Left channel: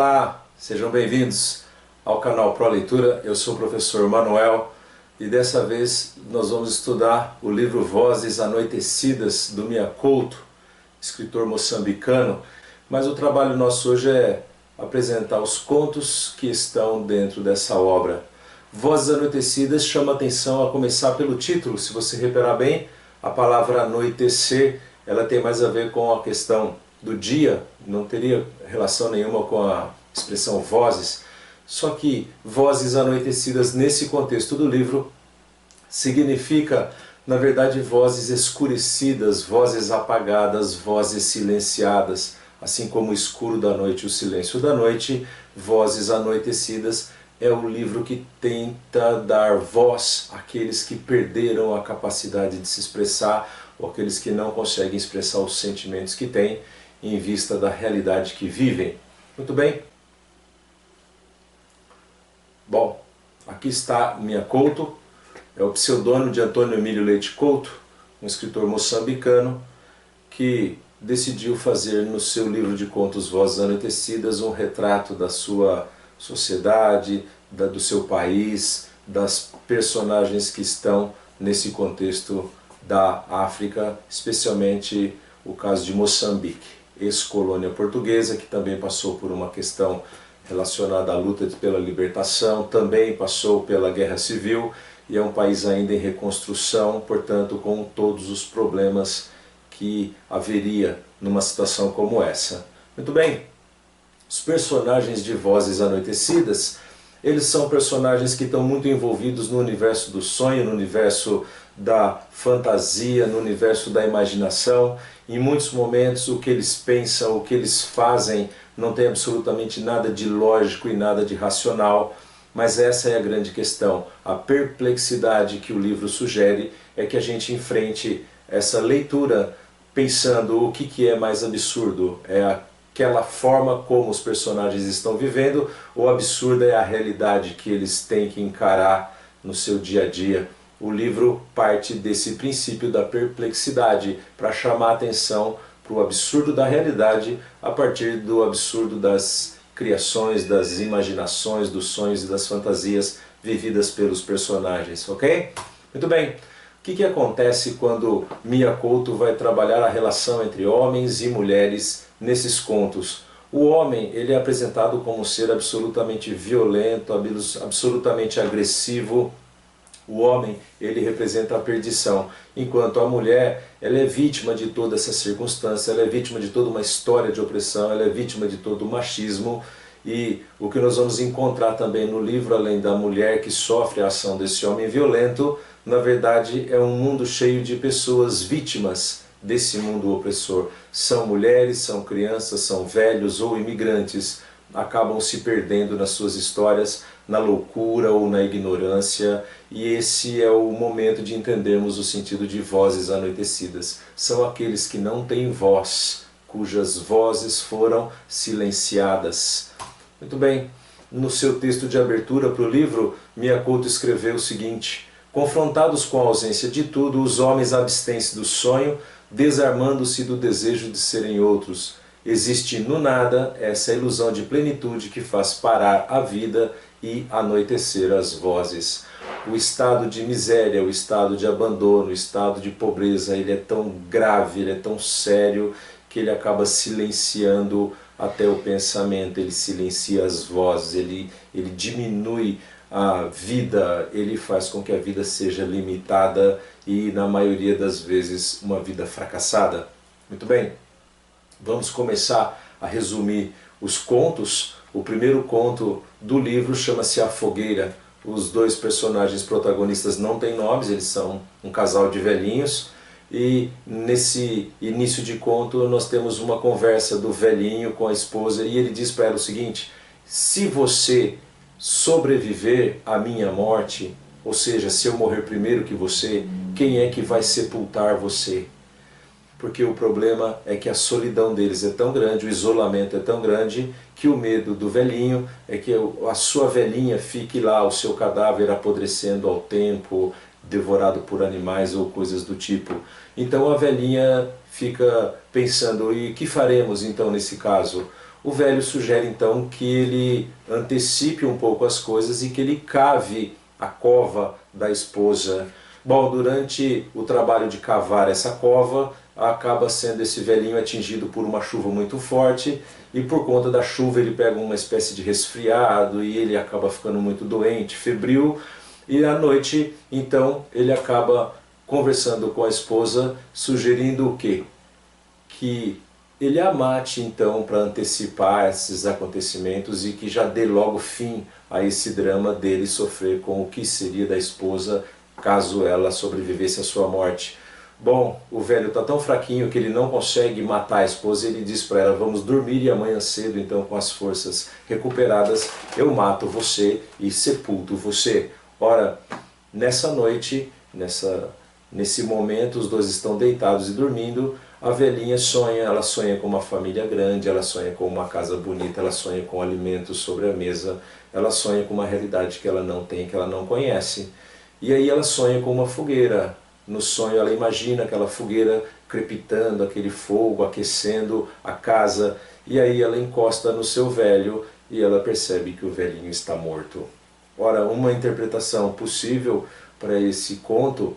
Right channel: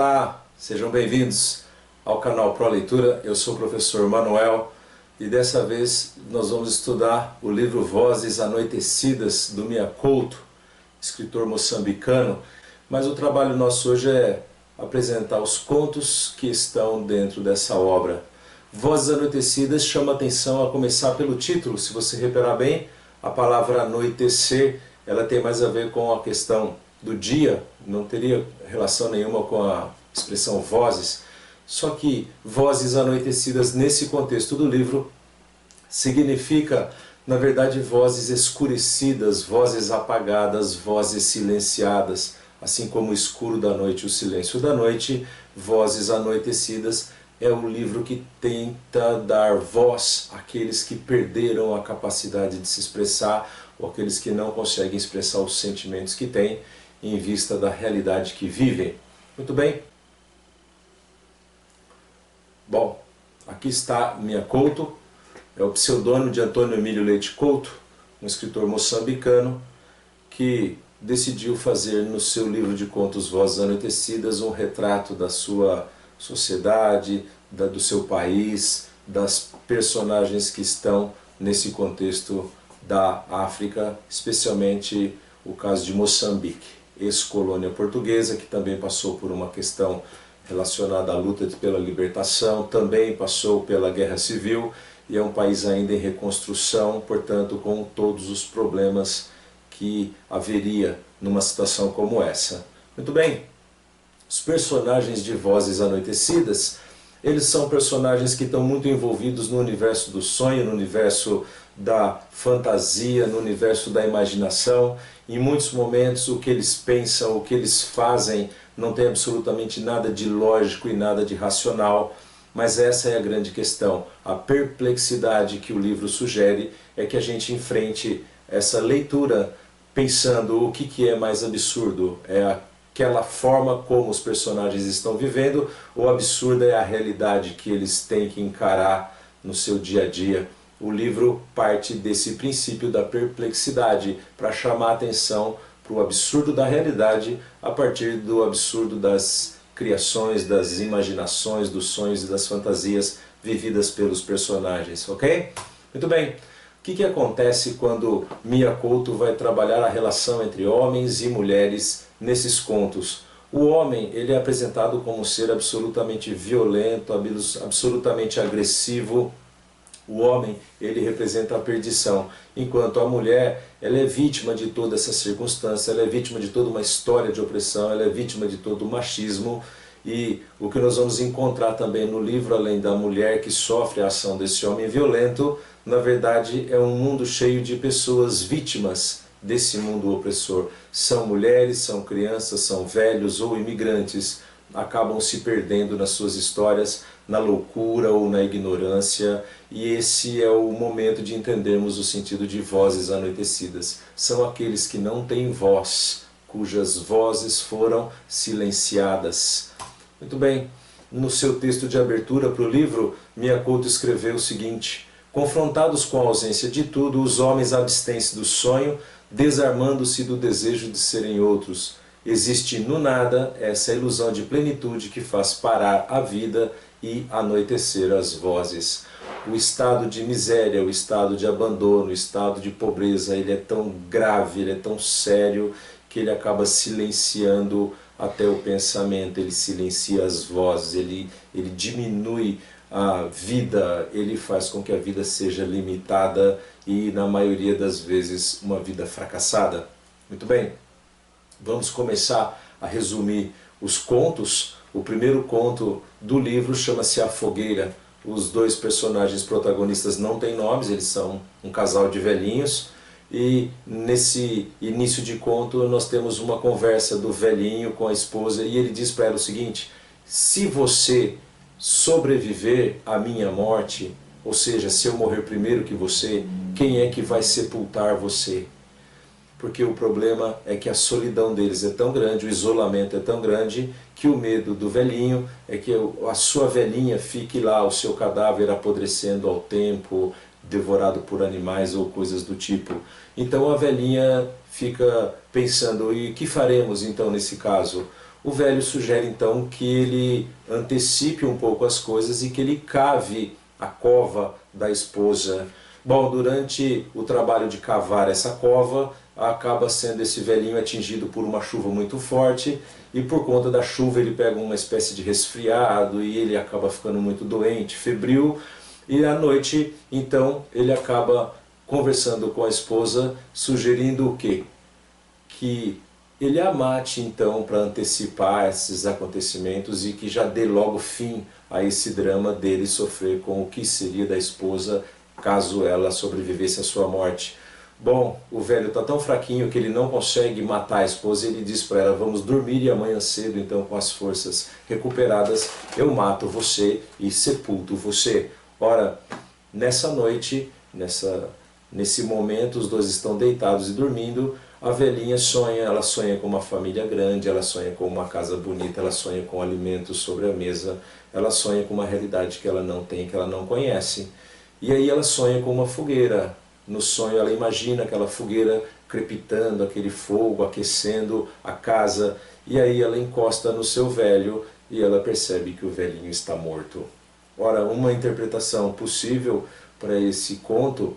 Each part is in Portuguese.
Olá, sejam bem-vindos ao canal Pro Leitura. Eu sou o professor Manuel e dessa vez nós vamos estudar o livro Vozes Anoitecidas do Mia Couto, escritor moçambicano, mas o trabalho nosso hoje é apresentar os contos que estão dentro dessa obra. Vozes Anoitecidas chama atenção a começar pelo título. Se você reparar bem, a palavra anoitecer, ela tem mais a ver com a questão do dia, não teria relação nenhuma com a expressão vozes, só que vozes anoitecidas nesse contexto do livro significa, na verdade, vozes escurecidas, vozes apagadas, vozes silenciadas, assim como o escuro da noite, o silêncio da noite. Vozes Anoitecidas é o livro que tenta dar voz àqueles que perderam a capacidade de se expressar, ou aqueles que não conseguem expressar os sentimentos que têm em vista da realidade que vivem. Muito bem? Bom, aqui está Mia Couto, é o pseudônimo de Antônio Emílio Leite Couto, um escritor moçambicano que decidiu fazer no seu livro de contos Vozes Anoitecidas um retrato da sua sociedade, do seu país, das personagens que estão nesse contexto da África, especialmente o caso de Moçambique, ex-colônia portuguesa, que também passou por uma questão relacionada à luta pela libertação, também passou pela guerra civil e é um país ainda em reconstrução, portanto com todos os problemas que haveria numa situação como essa. Muito bem, os personagens de Vozes Anoitecidas, eles são personagens que estão muito envolvidos no universo do sonho, no universo da fantasia, no universo da imaginação. Em muitos momentos o que eles pensam, o que eles fazem não tem absolutamente nada de lógico e nada de racional, mas essa é a grande questão. A perplexidade que o livro sugere é que a gente enfrente essa leitura pensando o que é mais absurdo, é aquela forma como os personagens estão vivendo, ou absurda é a realidade que eles têm que encarar no seu dia a dia. O livro parte desse princípio da perplexidade para chamar a atenção para o absurdo da realidade a partir do absurdo das criações, das imaginações, dos sonhos e das fantasias vividas pelos personagens, ok? Muito bem. O que acontece quando Mia Couto vai trabalhar a relação entre homens e mulheres nesses contos? O homem, ele é apresentado como um ser absolutamente violento, absolutamente agressivo. O homem, ele representa a perdição, enquanto a mulher, ela é vítima de toda essa circunstância, ela é vítima de toda uma história de opressão, ela é vítima de todo o machismo. E o que nós vamos encontrar também no livro, além da mulher que sofre a ação desse homem violento, na verdade é um mundo cheio de pessoas vítimas desse mundo opressor. São mulheres, são crianças, são velhos ou imigrantes, acabam se perdendo nas suas histórias, na loucura ou na ignorância, e esse é o momento de entendermos o sentido de Vozes Anoitecidas. São aqueles que não têm voz, cujas vozes foram silenciadas. Muito bem, no seu texto de abertura para o livro, Mia Couto escreveu o seguinte: confrontados com a ausência de tudo, os homens abstêm-se do sonho, desarmando-se do desejo de serem outros. Existe no nada essa ilusão de plenitude que faz parar a vida e anoitecer as vozes. O estado de miséria, o estado de abandono, o estado de pobreza, ele é tão grave, ele é tão sério, que ele acaba silenciando até o pensamento, ele silencia as vozes, ele diminui a vida, ele faz com que a vida seja limitada e, na maioria das vezes, uma vida fracassada. Muito bem, vamos começar a resumir os contos. O primeiro conto do livro chama-se A Fogueira. Os dois personagens protagonistas não têm nomes, eles são um casal de velhinhos. E nesse início de conto nós temos uma conversa do velhinho com a esposa e ele diz para ela o seguinte: se você sobreviver à minha morte, ou seja, se eu morrer primeiro que você, quem é que vai sepultar você? Porque o problema é que a solidão deles é tão grande, o isolamento é tão grande, que o medo do velhinho é que a sua velhinha fique lá, o seu cadáver apodrecendo ao tempo, devorado por animais ou coisas do tipo. Então a velhinha fica pensando, e o que faremos então nesse caso? o velho sugere então que ele antecipe um pouco as coisas e que ele cave a cova da esposa. Bom, durante o trabalho de cavar essa cova, acaba sendo esse velhinho atingido por uma chuva muito forte, e por conta da chuva ele pega uma espécie de resfriado e ele acaba ficando muito doente, febril, e à noite então ele acaba conversando com a esposa, sugerindo o quê? Que ele a mate então para antecipar esses acontecimentos e que já dê logo fim a esse drama dele sofrer com o que seria da esposa caso ela sobrevivesse à sua morte. Bom, o velho está tão fraquinho que ele não consegue matar a esposa e ele diz para ela: vamos dormir e amanhã cedo, então com as forças recuperadas, eu mato você e sepulto você. Ora, nessa noite, nesse momento, os dois estão deitados e dormindo, a velhinha sonha, ela sonha com uma família grande, ela sonha com uma casa bonita, ela sonha com alimentos sobre a mesa, ela sonha com uma realidade que ela não tem, que ela não conhece. E aí ela sonha com uma fogueira. No sonho ela imagina aquela fogueira crepitando, aquele fogo aquecendo a casa, e aí ela encosta no seu velho e ela percebe que o velhinho está morto. Ora, uma interpretação possível para esse conto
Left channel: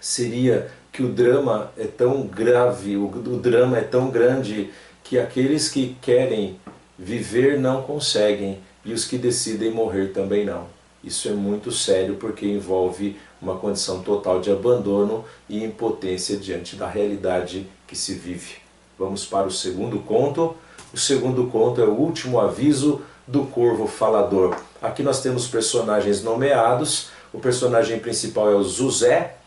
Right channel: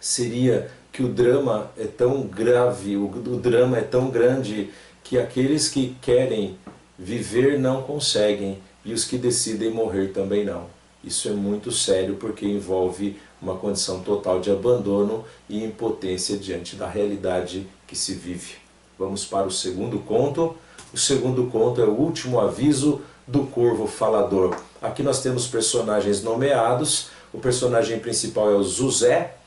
seria que o drama é tão grave, o drama é tão grande que aqueles que querem viver não conseguem e os que decidem morrer também não. Isso é muito sério porque envolve uma condição total de abandono e impotência diante da realidade que se vive. Vamos para o segundo conto. O segundo conto é o último aviso do corvo falador. Aqui nós temos personagens nomeados. O personagem principal é o José.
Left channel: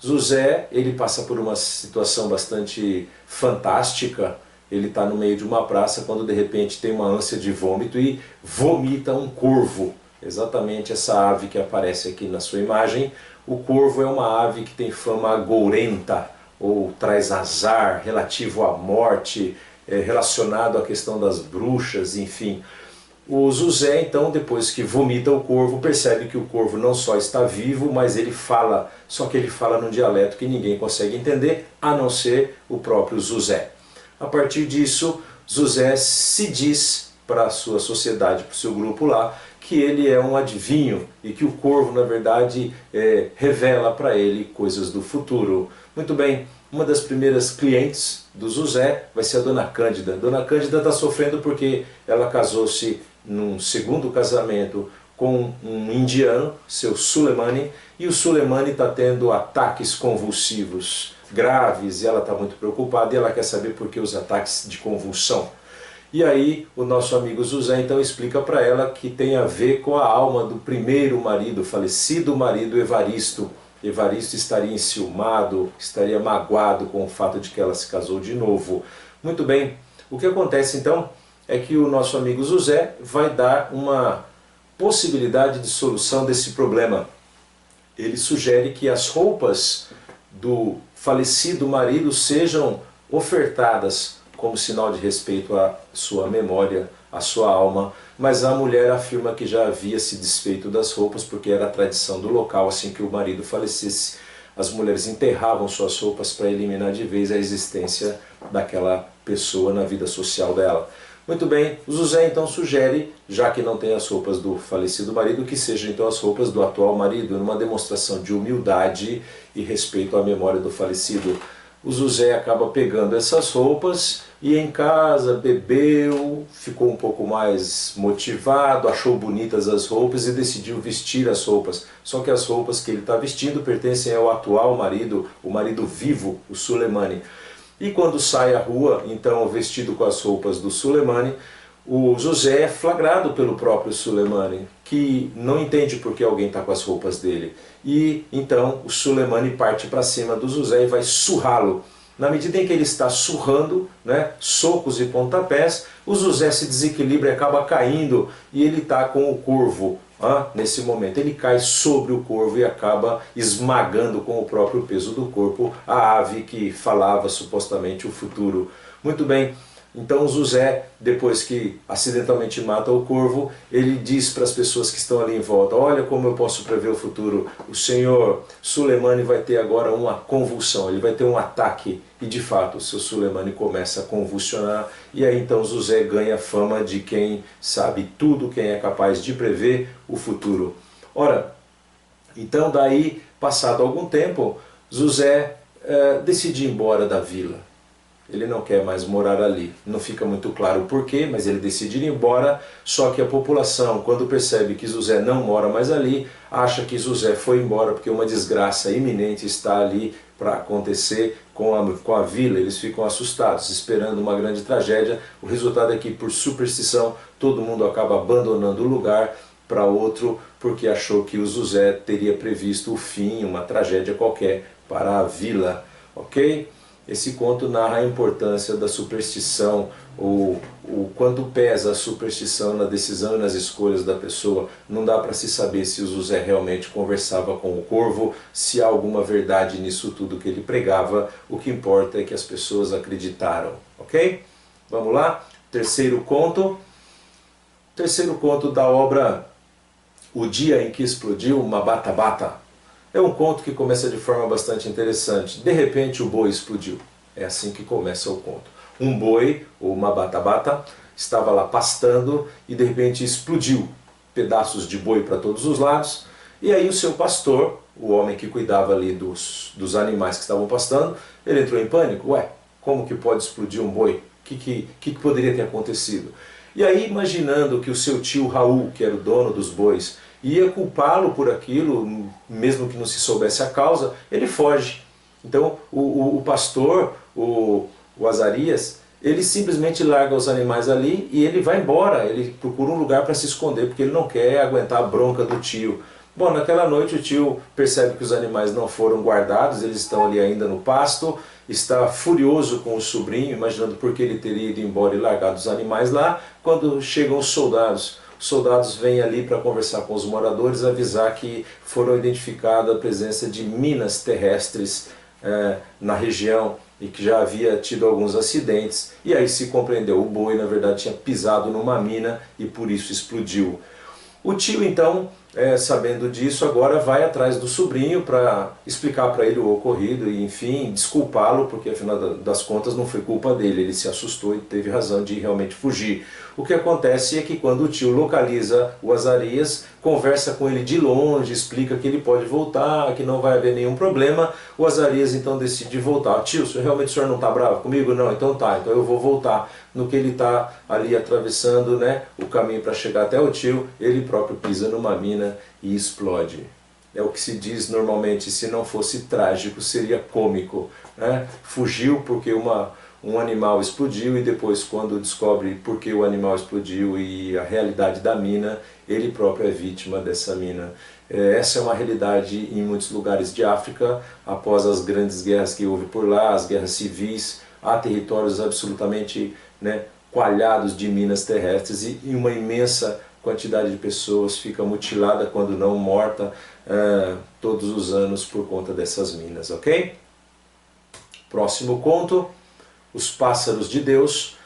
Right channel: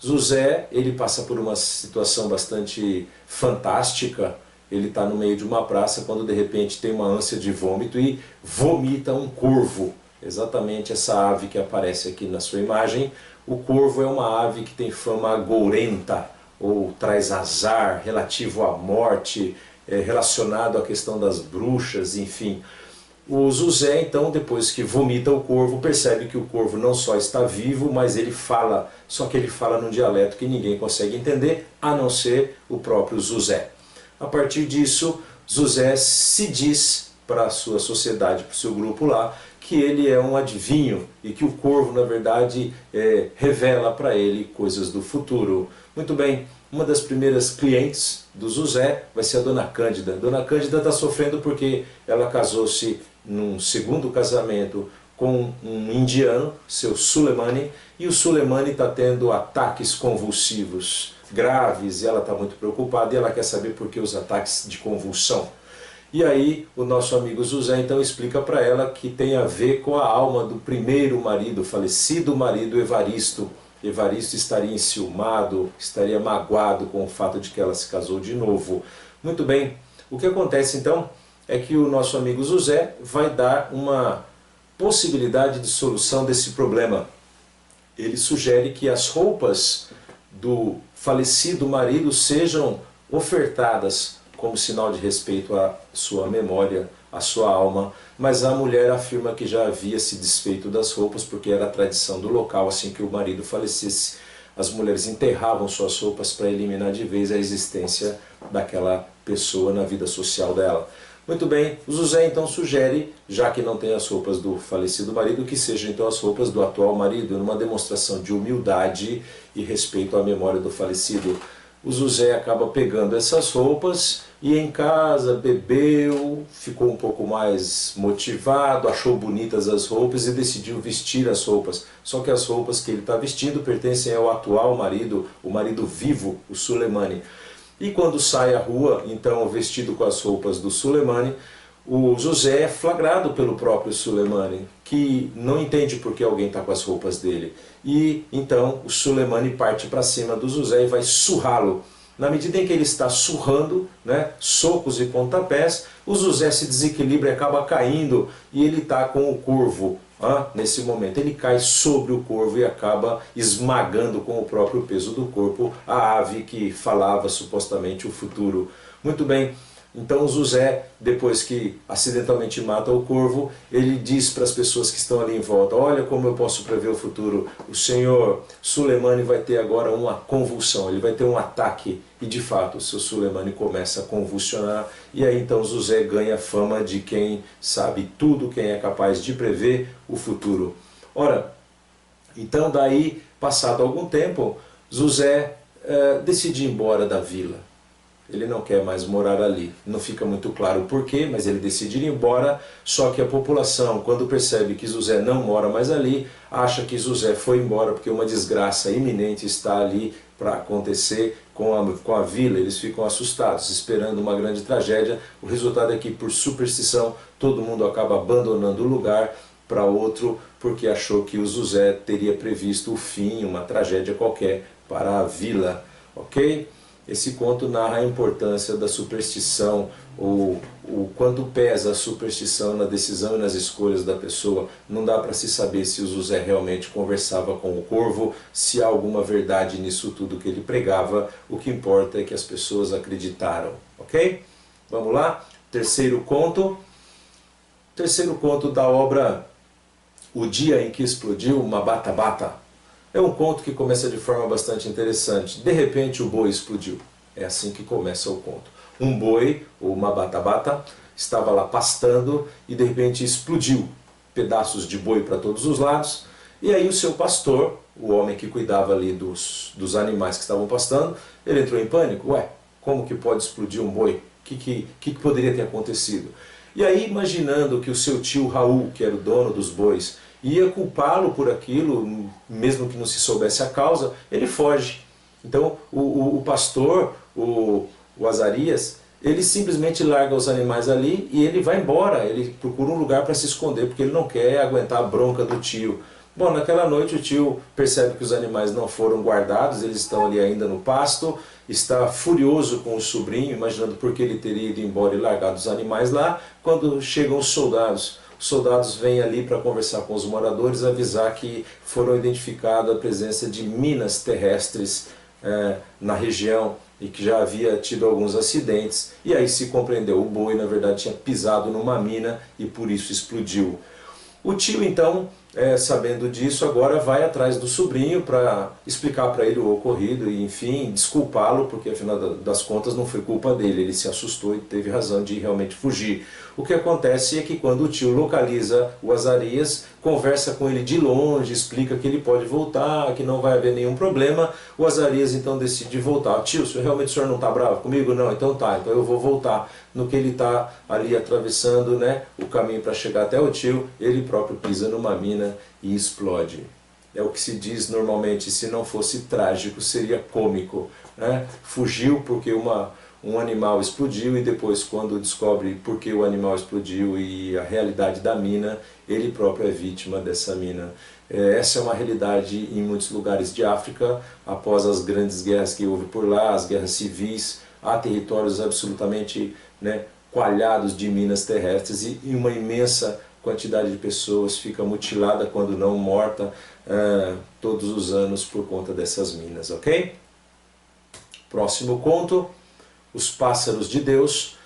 José, ele passa por uma situação bastante fantástica. Ele está no meio de uma praça quando de repente tem uma ânsia de vômito e vomita um corvo. Exatamente essa ave que aparece aqui na sua imagem. O corvo é uma ave que tem fama agourenta, ou traz azar, relativo à morte, relacionado à questão das bruxas, enfim. O José, então, depois que vomita o corvo, percebe que o corvo não só está vivo, mas ele fala, só que ele fala num dialeto que ninguém consegue entender, a não ser o próprio José. A partir disso, José se diz para a sua sociedade, para o seu grupo lá, que ele é um adivinho e que o corvo, na verdade, revela para ele coisas do futuro. Muito bem, uma das primeiras clientes do José vai ser a Dona Cândida. Dona Cândida está sofrendo porque ela casou-se num segundo casamento com um indiano, seu Sulemani, e o Sulemani está tendo ataques convulsivos graves e ela está muito preocupada e ela quer saber por que os ataques de convulsão. E aí o nosso amigo José então explica para ela que tem a ver com a alma do primeiro marido, falecido marido Evaristo. Evaristo estaria enciumado, estaria magoado com o fato de que ela se casou de novo. Muito bem, o que acontece então é que o nosso amigo José vai dar uma possibilidade de solução desse problema. Ele sugere que as roupas do falecido marido sejam ofertadas como sinal de respeito à sua memória, à sua alma, mas a mulher afirma que já havia se desfeito das roupas porque era a tradição do local. Assim que o marido falecesse, as mulheres enterravam suas roupas para eliminar de vez a existência daquela pessoa na vida social dela. Muito bem, o José então sugere, já que não tem as roupas do falecido marido, que sejam então as roupas do atual marido, numa demonstração de humildade e respeito à memória do falecido. O José acaba pegando essas roupas e em casa bebeu, ficou um pouco mais motivado, achou bonitas as roupas e decidiu vestir as roupas. Só que as roupas que ele está vestindo pertencem ao atual marido, o marido vivo, o Sulemani. E quando sai à rua, então vestido com as roupas do Sulemani, o José é flagrado pelo próprio Sulemani, que não entende por que alguém está com as roupas dele. E então o Sulemani parte para cima do José e vai surrá-lo. Na medida em que ele está surrando, né, socos e pontapés, o José se desequilibra e acaba caindo, e ele está com o corvo. Nesse momento ele cai sobre o corvo e acaba esmagando com o próprio peso do corpo a ave que falava supostamente o futuro. Muito bem, Então José, depois que acidentalmente mata o corvo, ele diz para as pessoas que estão ali em volta: olha como eu posso prever o futuro, o senhor Sulemane vai ter agora uma convulsão, ele vai ter um ataque. E de fato o seu Sulemane começa a convulsionar, e aí então José ganha fama de quem sabe tudo, quem é capaz de prever o futuro. Ora, então daí, passado algum tempo, José decide ir embora da vila. Ele não quer mais morar ali. Não fica muito claro o porquê, mas ele decide ir embora. Só que a população, quando percebe que José não mora mais ali, acha que José foi embora porque uma desgraça iminente está ali para acontecer com a vila. Eles ficam assustados, esperando uma grande tragédia. O resultado é que, por superstição, todo mundo acaba abandonando o lugar para outro, porque achou que o José teria previsto o fim, uma tragédia qualquer para a vila. Ok? Esse conto narra a importância da superstição, o quanto pesa a superstição na decisão e nas escolhas da pessoa. Não dá para se saber se o José realmente conversava com o corvo, se há alguma verdade nisso tudo que ele pregava. O que importa é que as pessoas acreditaram. Ok? Vamos lá? Terceiro conto. Terceiro conto da obra O Dia em que Explodiu uma Bata Bata. É um conto que começa de forma bastante interessante. De repente o boi explodiu. É assim que começa o conto. Um boi, ou uma bata-bata, estava lá pastando e de repente explodiu. Pedaços de boi para todos os lados. E aí o seu pastor, o homem que cuidava ali dos animais que estavam pastando, ele entrou em pânico. Ué, como que pode explodir um boi? O que poderia ter acontecido? E aí, imaginando que o seu tio Raul, que era o dono dos bois, ia culpá-lo por aquilo, mesmo que não se soubesse a causa, ele foge. Então o pastor, o Azarias, ele simplesmente larga os animais ali e ele vai embora, ele procura um lugar para se esconder, porque ele não quer aguentar a bronca do tio. Bom, naquela noite o tio percebe que os animais não foram guardados, eles estão ali ainda no pasto, está furioso com o sobrinho, imaginando por que ele teria ido embora e largado os animais lá, quando chegam os soldados. Os soldados vêm ali para conversar com os moradores, avisar que foram identificadas a presença de minas terrestres na região e que já havia tido alguns acidentes. E aí se compreendeu, o boi na verdade tinha pisado numa mina e por isso explodiu. O tio então, sabendo disso, agora vai atrás do sobrinho para explicar para ele o ocorrido e, enfim, desculpá-lo, porque afinal das contas não foi culpa dele, ele se assustou e teve razão de realmente fugir. O que acontece é que quando o tio localiza o Azarias, conversa com ele de longe, explica que ele pode voltar, que não vai haver nenhum problema, o Azarias então decide voltar. Tio, realmente o senhor não está bravo comigo? Não, então tá, então eu vou voltar. No que ele está ali atravessando, né, o caminho para chegar até o tio, ele próprio pisa numa mina e explode. É o que se diz normalmente, se não fosse trágico, seria cômico, né? Fugiu porque um animal explodiu e depois, quando descobre por que o animal explodiu e a realidade da mina, ele próprio é vítima dessa mina. Essa é uma realidade em muitos lugares de África, após as grandes guerras que houve por lá, as guerras civis. Há territórios absolutamente, né, coalhados de minas terrestres e uma imensa quantidade de pessoas fica mutilada, quando não morta, todos os anos por conta dessas minas, ok? Próximo conto, Os Pássaros de Deus.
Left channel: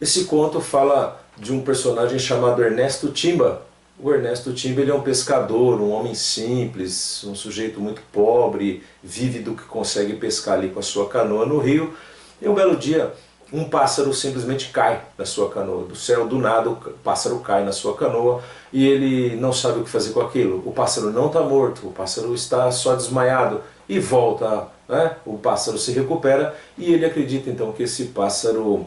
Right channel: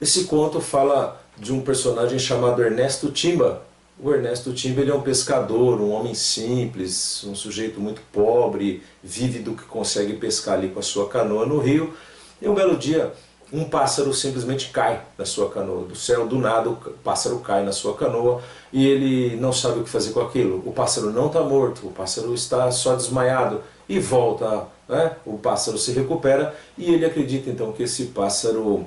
Esse conto fala de um personagem chamado Ernesto Timba. O Ernesto Timba, ele é um pescador, um homem simples, um sujeito muito pobre, vive do que consegue pescar ali com a sua canoa no rio. E um belo dia, um pássaro simplesmente cai na sua canoa. Do céu, do nada, o pássaro cai na sua canoa e ele não sabe o que fazer com aquilo. O pássaro não está morto, o pássaro está só desmaiado e volta, né? O pássaro se recupera e ele acredita então que esse pássaro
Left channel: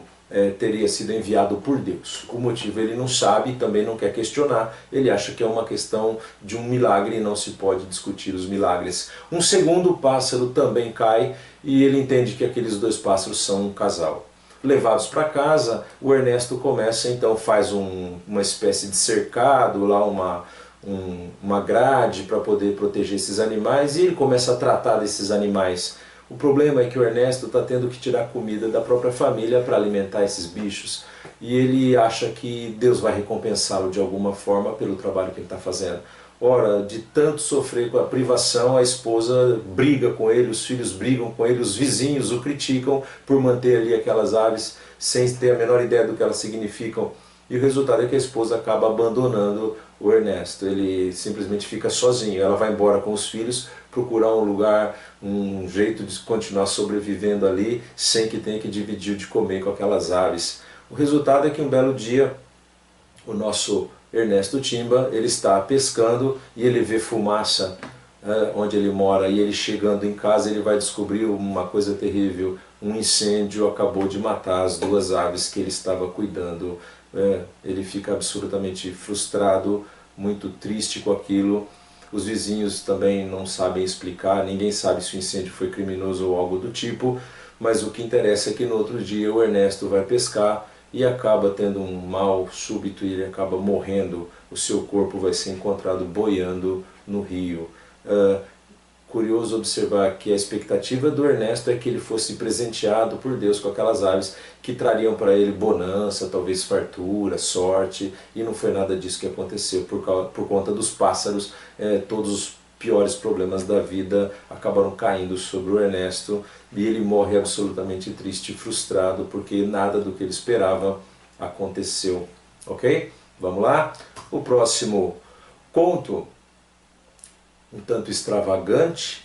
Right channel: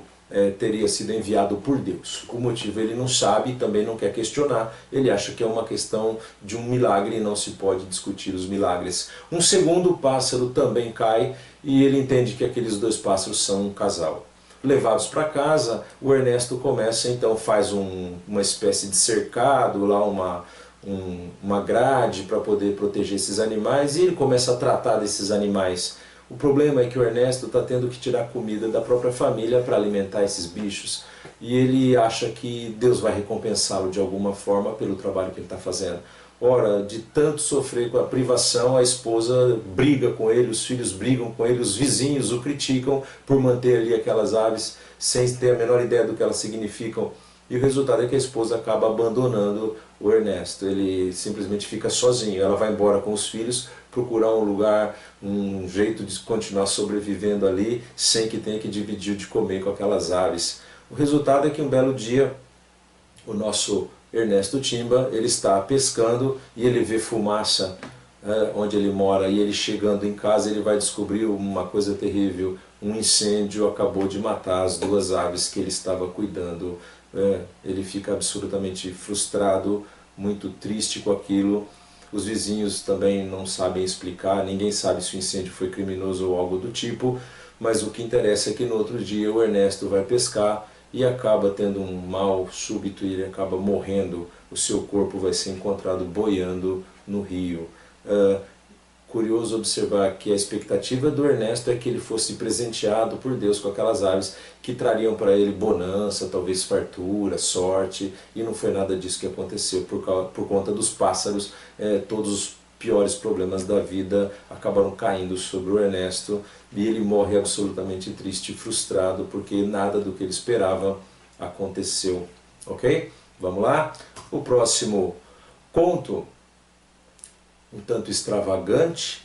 teria sido enviado por Deus. O motivo ele não sabe e também não quer questionar. Ele acha que é uma questão de um milagre e não se pode discutir os milagres. Um segundo pássaro também cai e ele entende que aqueles dois pássaros são um casal. Levados para casa, o Ernesto começa então, faz uma espécie de cercado, lá uma grade para poder proteger esses animais, e ele começa a tratar desses animais. O problema é que o Ernesto está tendo que tirar comida da própria família para alimentar esses bichos, e ele acha que Deus vai recompensá-lo de alguma forma pelo trabalho que ele está fazendo. Ora, de tanto sofrer com a privação, a esposa briga com ele, os filhos brigam com ele, os vizinhos o criticam por manter ali aquelas aves sem ter a menor ideia do que elas significam. E o resultado é que a esposa acaba abandonando o Ernesto. Ele simplesmente fica sozinho. Ela vai embora com os filhos, procurar um lugar, um jeito de continuar sobrevivendo ali, sem que tenha que dividir de comer com aquelas aves. O resultado é que um belo dia, o nosso Ernesto Timba, ele está pescando e ele vê fumaça onde ele mora, e ele chegando em casa ele vai descobrir uma coisa terrível: um incêndio acabou de matar as duas aves que ele estava cuidando. Ele fica absolutamente frustrado, muito triste com aquilo. Os vizinhos também não sabem explicar, ninguém sabe se o incêndio foi criminoso ou algo do tipo, mas o que interessa é que no outro dia o Ernesto vai pescar e acaba tendo um mal súbito e ele acaba morrendo. O seu corpo vai ser encontrado boiando no rio. Curioso observar que a expectativa do Ernesto é que ele fosse presenteado por Deus com aquelas aves que trariam para ele bonança, talvez fartura, sorte, e não foi nada disso que aconteceu. Por conta dos pássaros, todos os piores problemas da vida acabaram caindo sobre o Ernesto e ele morre absolutamente triste e frustrado porque nada do que ele esperava aconteceu. Ok? Vamos lá? O próximo conto, um tanto extravagante,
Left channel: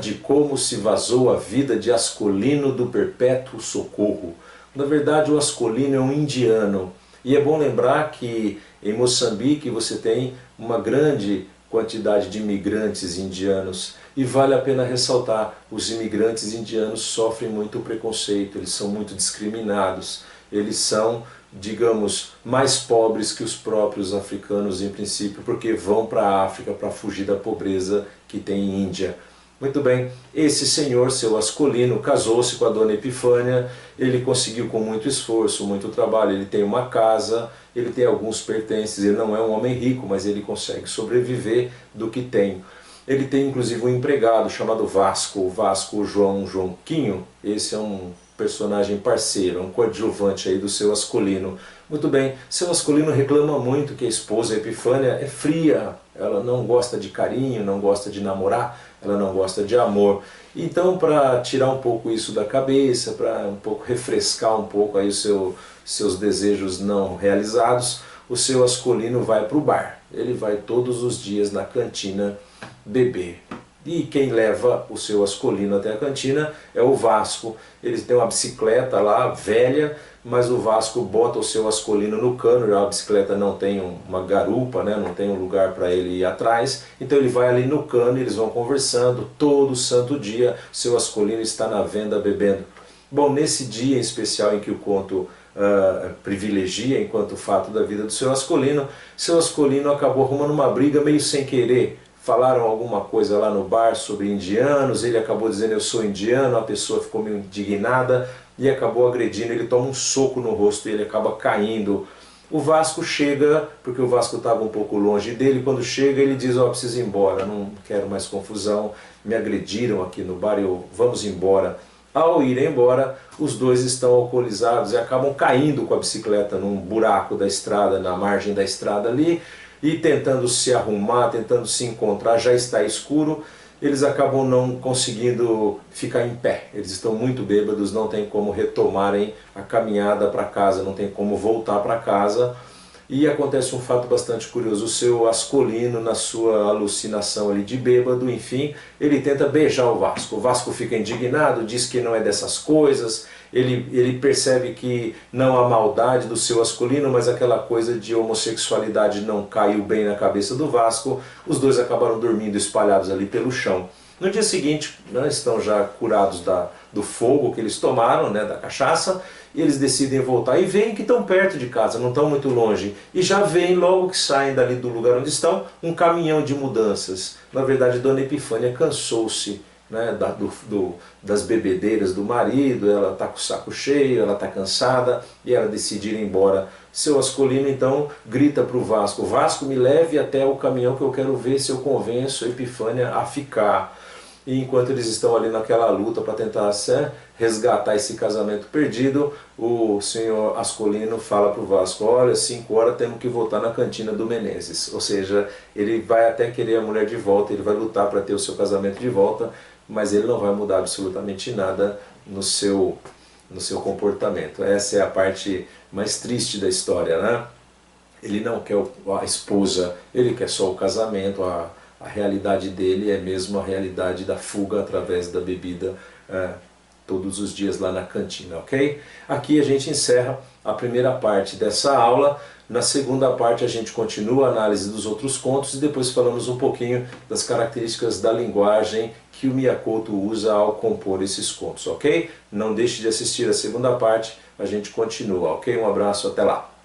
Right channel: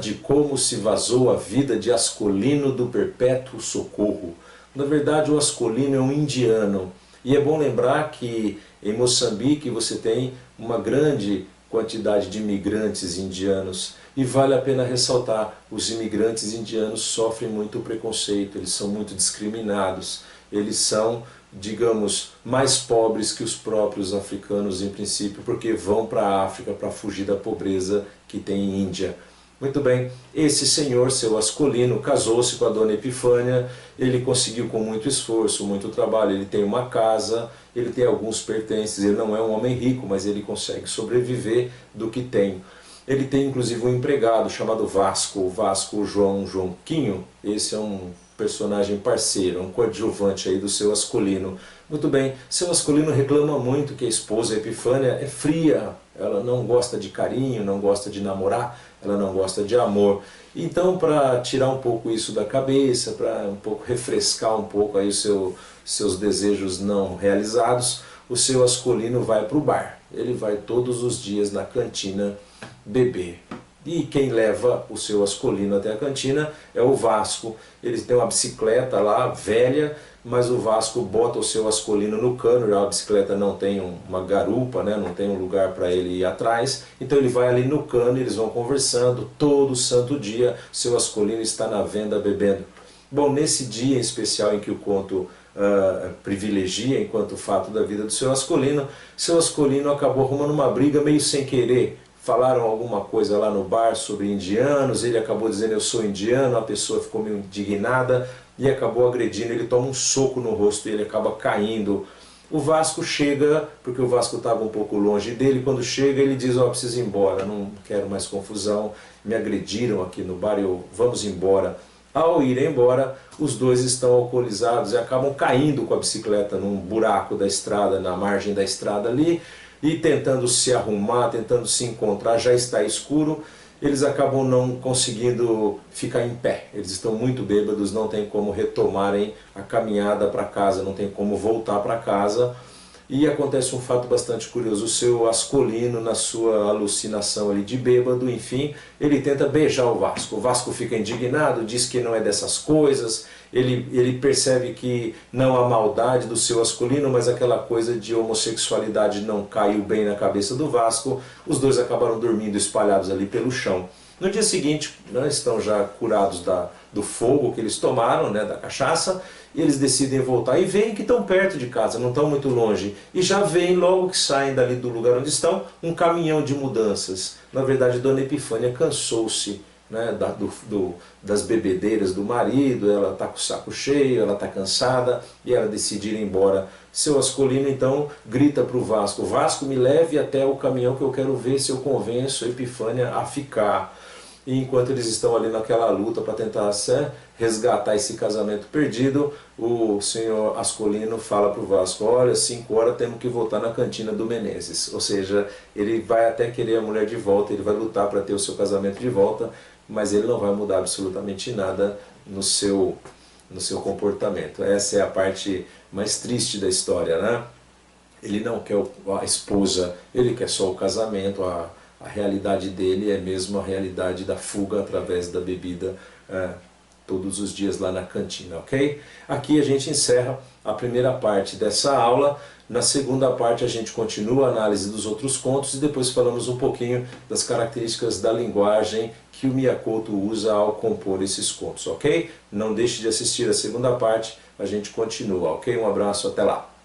de como se vazou a vida de Ascolino do Perpétuo Socorro. Na verdade, o Ascolino é um indiano, e é bom lembrar que em Moçambique você tem uma grande quantidade de imigrantes indianos, e vale a pena ressaltar: os imigrantes indianos sofrem muito preconceito, eles são muito discriminados, eles são, digamos, mais pobres que os próprios africanos em princípio, porque vão para a África para fugir da pobreza que tem em Índia. Muito bem, esse senhor, seu Ascolino, casou-se com a dona Epifânia. Ele conseguiu com muito esforço, muito trabalho, ele tem uma casa, ele tem alguns pertences, ele não é um homem rico, mas ele consegue sobreviver do que tem. Ele tem inclusive um empregado chamado Vasco, o Vasco João Quinho. Esse é um personagem parceiro, um coadjuvante aí do seu Ascolino. Muito bem, seu Ascolino reclama muito que a esposa Epifânia é fria, ela não gosta de carinho, não gosta de namorar, ela não gosta de amor. Então, para tirar um pouco isso da cabeça, para um pouco refrescar um pouco aí seus desejos não realizados, o seu Ascolino vai para o bar. Ele vai todos os dias na cantina beber. E quem leva o seu Ascolino até a cantina é o Vasco. Eles têm uma bicicleta lá, velha, mas o Vasco bota o seu Ascolino no cano. A bicicleta não tem uma garupa, né? Não tem um lugar para ele ir atrás. Então ele vai ali no cano e eles vão conversando todo santo dia. Seu Ascolino está na venda bebendo. Bom, nesse dia em especial em que o conto privilegia enquanto fato da vida do seu Ascolino acabou arrumando uma briga meio sem querer. Falaram alguma coisa lá no bar sobre indianos, ele acabou dizendo eu sou indiano, a pessoa ficou meio indignada e acabou agredindo, ele toma um soco no rosto e ele acaba caindo. O Vasco chega, porque o Vasco estava um pouco longe dele, quando chega ele diz, ó, preciso ir embora, não quero mais confusão, me agrediram aqui no bar, vamos embora. Ao ir embora, os dois estão alcoolizados e acabam caindo com a bicicleta num buraco da estrada, na margem da estrada ali, e tentando se arrumar, tentando se encontrar, já está escuro, eles acabam não conseguindo ficar em pé. Eles estão muito bêbados, não tem como retomarem a caminhada para casa, não tem como voltar para casa. E acontece um fato bastante curioso: o seu Ascolino, na sua alucinação ali de bêbado, enfim, ele tenta beijar o Vasco fica indignado, diz que não é dessas coisas, ele percebe que não há maldade do seu Ascolino, mas aquela coisa de homossexualidade não caiu bem na cabeça do Vasco. Os dois acabaram dormindo espalhados ali pelo chão. No dia seguinte, né, estão já curados do fogo que eles tomaram, né, da cachaça, e eles decidem voltar e veem que estão perto de casa, não estão muito longe. E já veem, logo que saem dali do lugar onde estão, um caminhão de mudanças. Na verdade, Dona Epifânia cansou-se, né, das bebedeiras do marido, ela está com o saco cheio, ela está cansada e ela decide ir embora. Seu Ascolino então grita para o Vasco: Vasco, me leve até o caminhão que eu quero ver se eu convenço a Epifânia a ficar. E enquanto eles estão ali naquela luta para tentar resgatar esse casamento perdido, o senhor Ascolino fala para o Vasco: olha, 5 horas temos que voltar na cantina do Menezes. Ou seja, ele vai até querer a mulher de volta, ele vai lutar para ter o seu casamento de volta, mas ele não vai mudar absolutamente nada no seu no seu comportamento. Essa é a parte mais triste da história, né? Ele não quer a esposa, ele quer só o casamento, a realidade dele é mesmo a realidade da fuga através da bebida todos os dias lá na cantina, ok? Aqui a gente encerra a primeira parte dessa aula. Na segunda parte a gente continua a análise dos outros contos e depois falamos um pouquinho das características da linguagem que o Miyakoto usa ao compor esses contos, ok? Não deixe de assistir a segunda parte, a gente continua, ok? Um abraço, até lá!